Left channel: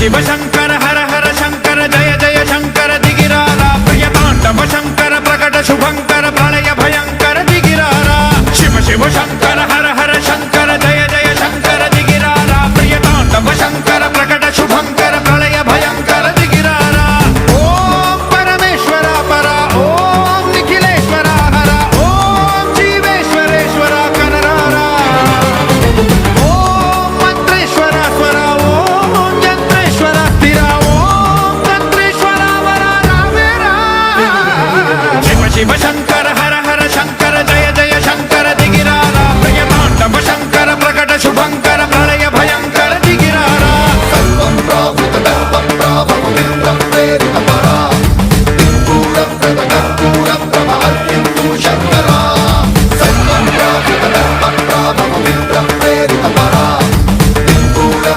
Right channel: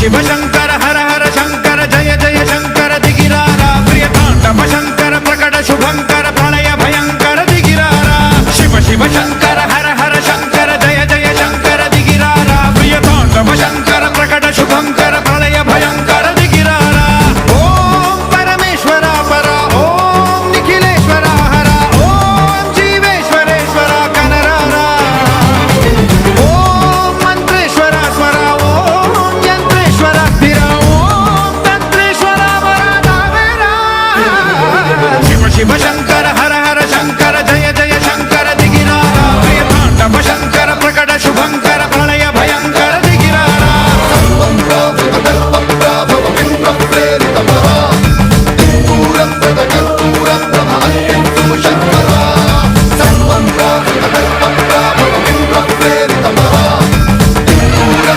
शिव शंकर हर हर शंकर जय जय शंकर दिगिरारा प्रिय तांडव शंकर प्रकट शुभंकर प्रलय भयंकर दिगिरारा शिव शिव शंकर